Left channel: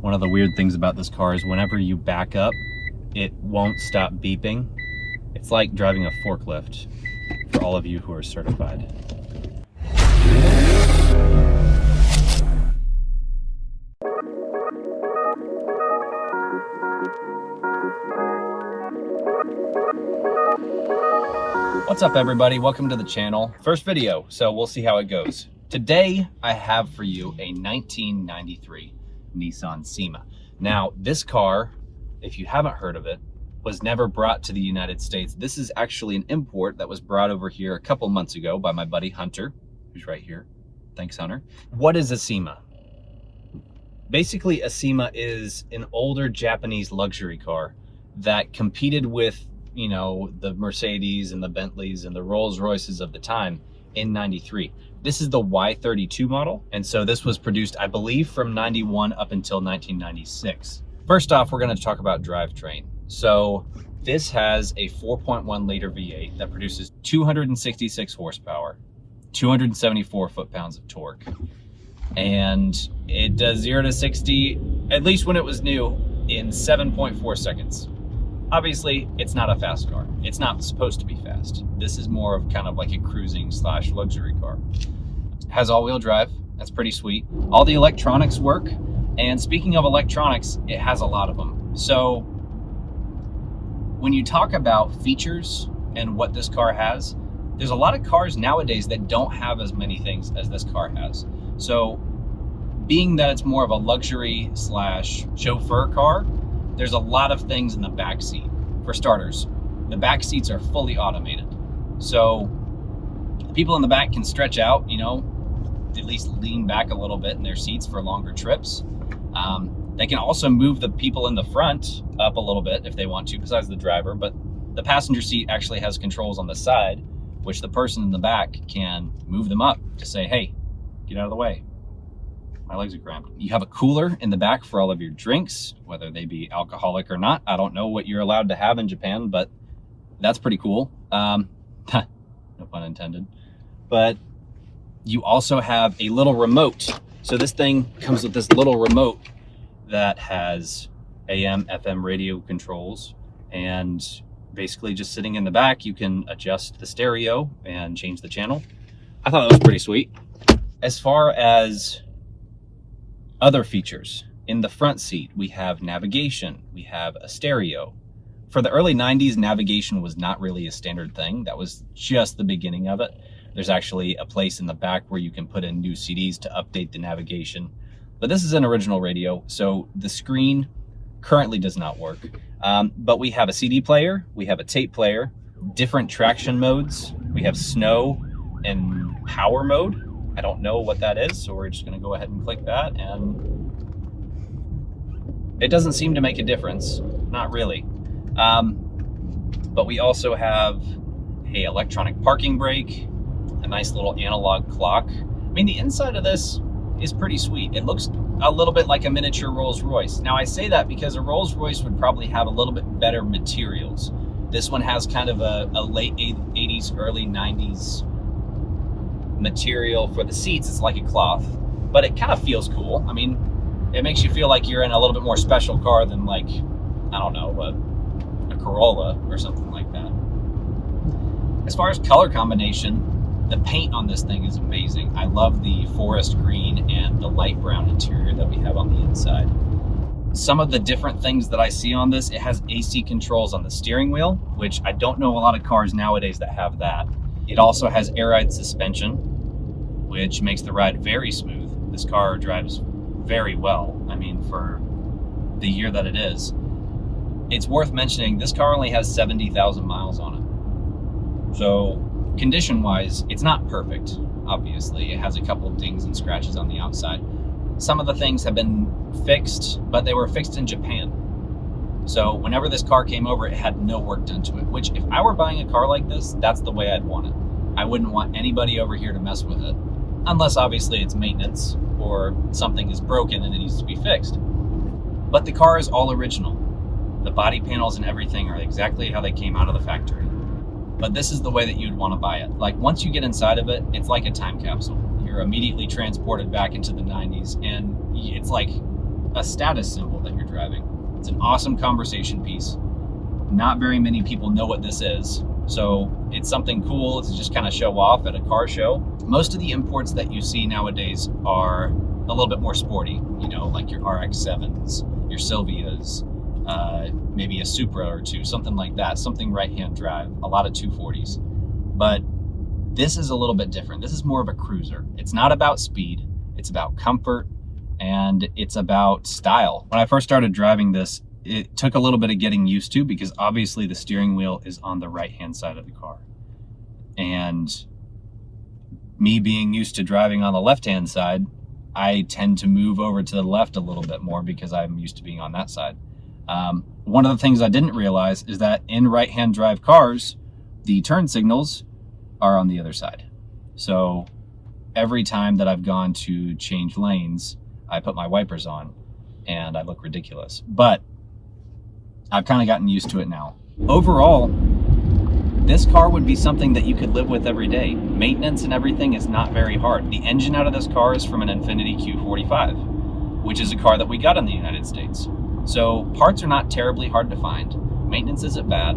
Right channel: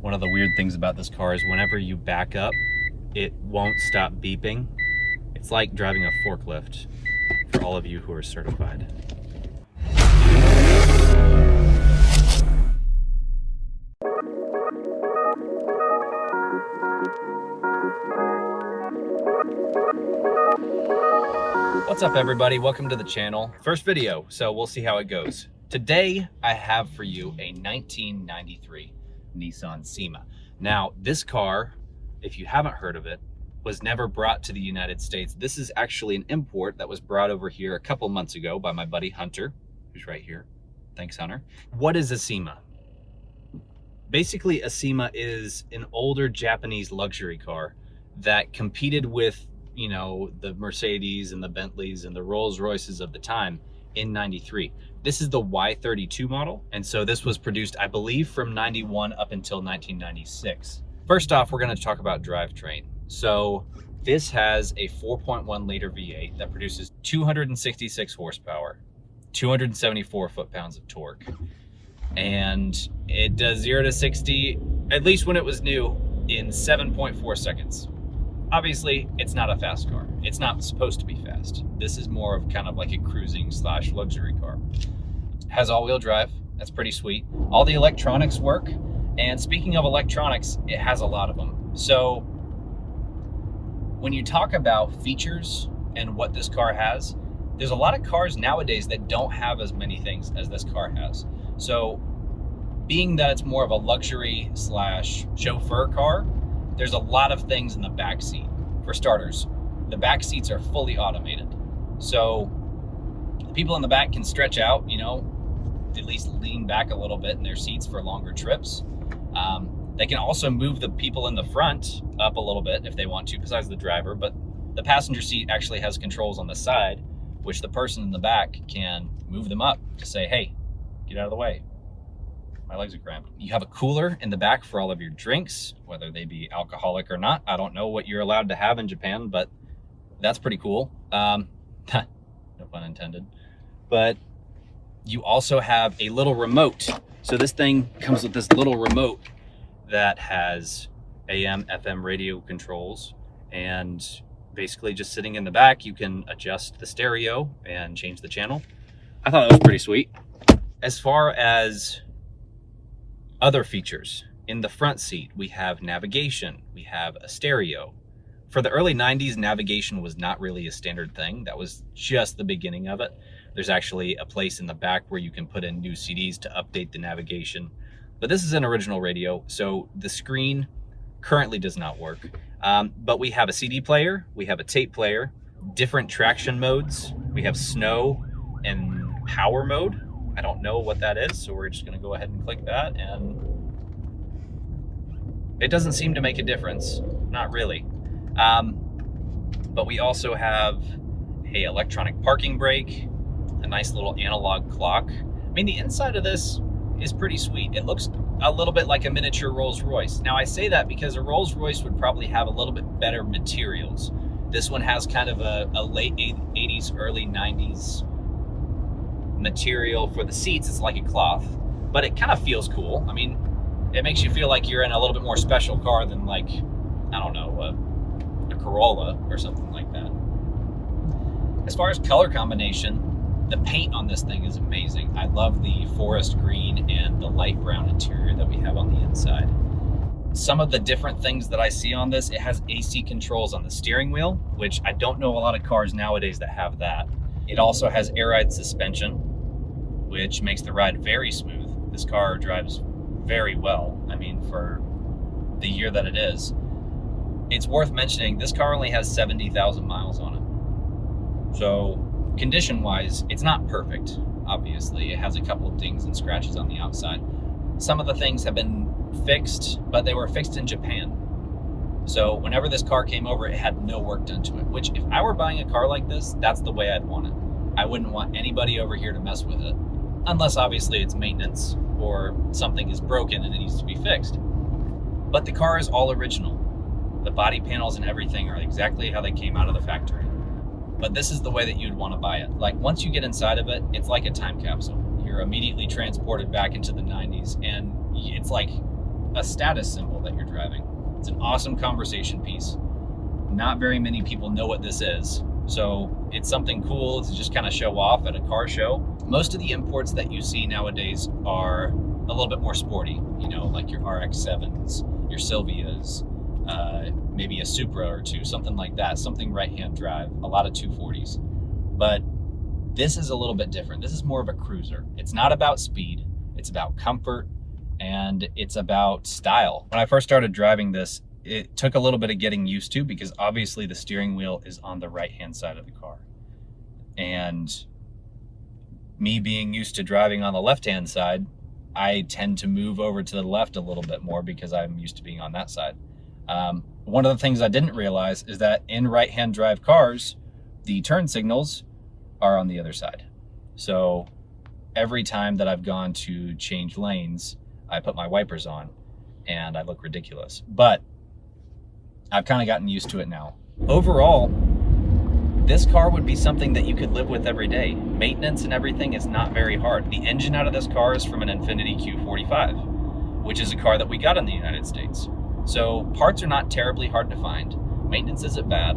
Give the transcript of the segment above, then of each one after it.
One of the weird things about this car is whenever you back up, it won't stop beeping. It's like driving a forklift for all of you who are certified. What's up everybody, welcome to the channel. First video, so we'll see how it goes. Today I have for you a 1993 Nissan Cima. Now this car, if you haven't heard of it, was never brought to the United States. This is actually an import that was brought over here a couple months ago by my buddy Hunter, who's right here. Thanks, Hunter. What is a Cima? Basically, a Cima is an older Japanese luxury car that competed with, you know, the Mercedes and the Bentleys and the Rolls Royces of the time in 93. This is the Y32 model. And so this was produced, I believe, from 91 up until 1996. First off, we're going to talk about drivetrain. So this has a 4.1 liter V8 that produces 266 horsepower, 274 foot-pounds of torque. And it does 0 to 60, at least when it was new, in 7.4 seconds. Obviously, it's not a fast car. It's not supposed to be fast. This is more of kind of like a cruising slash luxury car. It has all-wheel drive. That's pretty sweet. All the electronics work. And speaking of electronics, it has a lot of them. So when you talk about features and what this car has, there's a lot of cars nowadays that don't have as many things as this car has. So being that it's more of a luxury slash chauffeur car, there's a lot of things in the back seat. For starters, the back seats are fully automated. So the people in the back can stretch out, you know, at least lean back a little bit in their seats for longer trips. They can also move the people in the front up a little bit if they want to, besides the driver, but the passenger seat actually has controls on the side, which the person in the back can move them up to say, hey, get out of the way. My legs are cramped. You have a cooler in the back for all of your drinks, whether they be alcoholic or not. I don't know what you're allowed to have in Japan, but that's pretty cool. No pun intended. But you also have a little remote. So this thing comes with this little remote that has AM, FM radio controls, and basically just sitting in the back, you can adjust the stereo and change the channel. I thought that was pretty sweet. As far as other features, in the front seat, we have navigation, we have a stereo. For the early 90s, navigation was not really a standard thing. That was just the beginning of it. There's actually a place in the back where you can put in new CDs to update the navigation. But this is an original radio, so the screen currently does not work. But we have a CD player, we have a tape player, different traction modes. We have snow and power mode. I don't know what that is, so we're just gonna go ahead and click that, and it doesn't seem to make a difference, not really. But we also have a electronic parking brake, a nice little analog clock. I mean, the inside of this is pretty sweet. It looks a little bit like a miniature Rolls Royce. Now I say that because a Rolls Royce would probably have a little bit better materials. This one has kind of a late 80s, early 90s material for the seats. It's like a cloth, but it kind of feels cool. I mean, it makes you feel like you're in a little bit more special car than, like, I don't know, a Corolla or something like that. As far as color combination, the paint on this thing is amazing. I love the forest green and the light brown interior that we have on the inside. Some of the different things that I see on this, it has AC controls on the steering wheel, which I don't know a lot of cars nowadays that have that. It also has air ride suspension, which makes the ride very smooth. This car drives very well. I mean, for the year that it is. It's worth mentioning, this car only has 70,000 miles on it. So condition-wise, it's not perfect, obviously. It has a couple of dings and scratches on the outside. Some of the things have been fixed, but they were fixed in Japan. So whenever this car came over, it had no work done to it, which if I were buying a car like this, that's the way I'd want it. I wouldn't want anybody over here to mess with it, unless obviously it's maintenance or something is broken and it needs to be fixed. But the car is all original. The body panels and everything are exactly how they came out of the factory. But this is the way that you'd want to buy it. Like, once you get inside of it, it's like a time capsule. You're immediately transported back into the 90s, and it's like a status symbol that you're driving. It's an awesome conversation piece. Not very many people know what this is, so it's something cool to just kind of show off at a car show. Most of the imports that you see nowadays are a little bit more sporty, you know, like your RX-7s, your Silvias, maybe a Supra or two, something like that, something right-hand drive, a lot of 240s. But this is a little bit different. This is more of a cruiser. It's not about speed, it's about comfort, and it's about style. When I first started driving this, it took a little bit of getting used to, because obviously the steering wheel is on the right-hand side of the car. And me being used to driving on the left-hand side, I tend to move over to the left a little bit more because I'm used to being on that side. One of the things I didn't realize is that in right-hand drive cars, the turn signals are on the other side. So every time that I've gone to change lanes, I put my wipers on and I look ridiculous. But I've kind of gotten used to it now. Overall, this car would be something that you could live with every day. Maintenance and everything is not very hard. The engine out of this car is from an Infiniti Q45, which is a car that we got in the United States. So parts are not terribly hard to find. Maintenance isn't bad.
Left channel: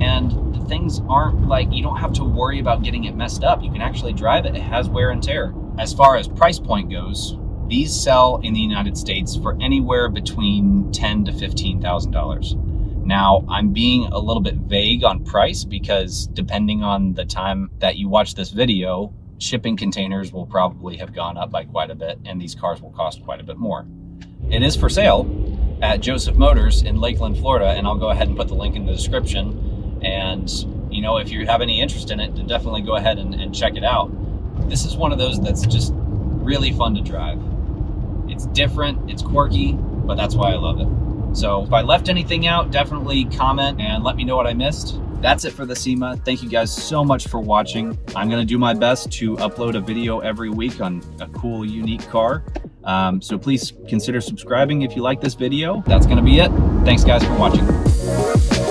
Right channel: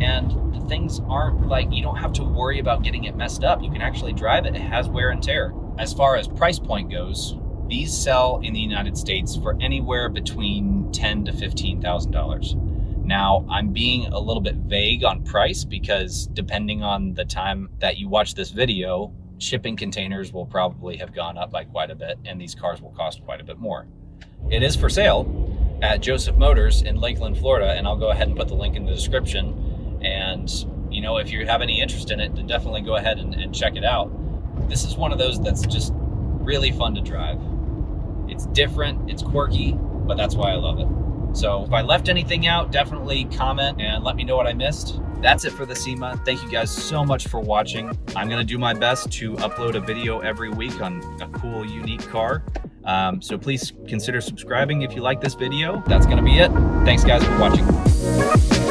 And the things aren't like, you don't have to worry about getting it messed up. You can actually drive it. It has wear and tear. As far as price point goes, these sell in the United States for anywhere between $10,000 to $15,000. Now, I'm being a little bit vague on price because depending on the time that you watch this video, shipping containers will probably have gone up by quite a bit, and these cars will cost quite a bit more. It is for sale at Joseph Motors in Lakeland, Florida, and I'll go ahead and put the link in the description. And, you know, if you have any interest in it, then definitely go ahead and check it out. This is one of those that's just really fun to drive. It's different, it's quirky, but that's why I love it. So if I left anything out, definitely comment and let me know what I missed. That's it for the Cima. Thank you guys so much for watching. I'm gonna do my best to upload a video every week on a cool, unique car. So please consider subscribing if you like this video. That's gonna be it. Thanks guys for watching.